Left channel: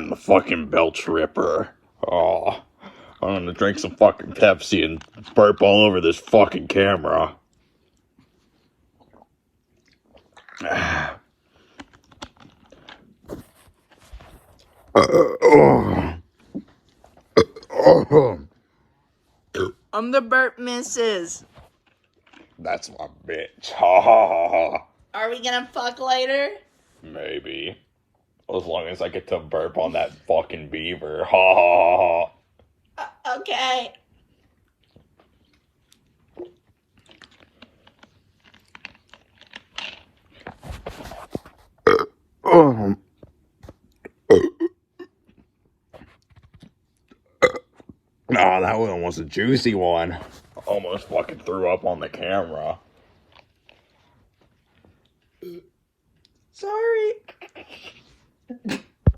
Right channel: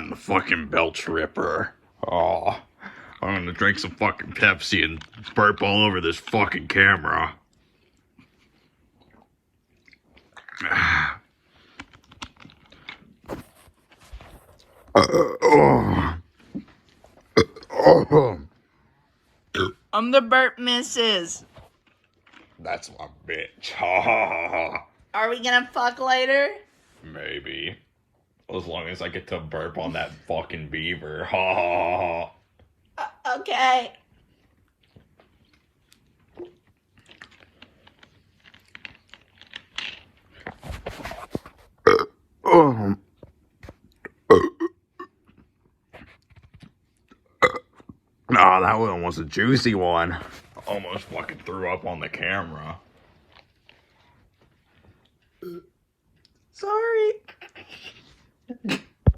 I'm the fucking Belch Ripper. Oh, I'm gonna drink some fucking Pepsi and burp all over this fucking camera. I'm the burp missus. That's my bitch. Ha ha ha ha. Are we gonna fuck later? Maybe. As long as I get to burp on that fucking beaver. Ha ha ha. Okay. Oh, that one was a juicy one. Almost fucking threw up on the camera.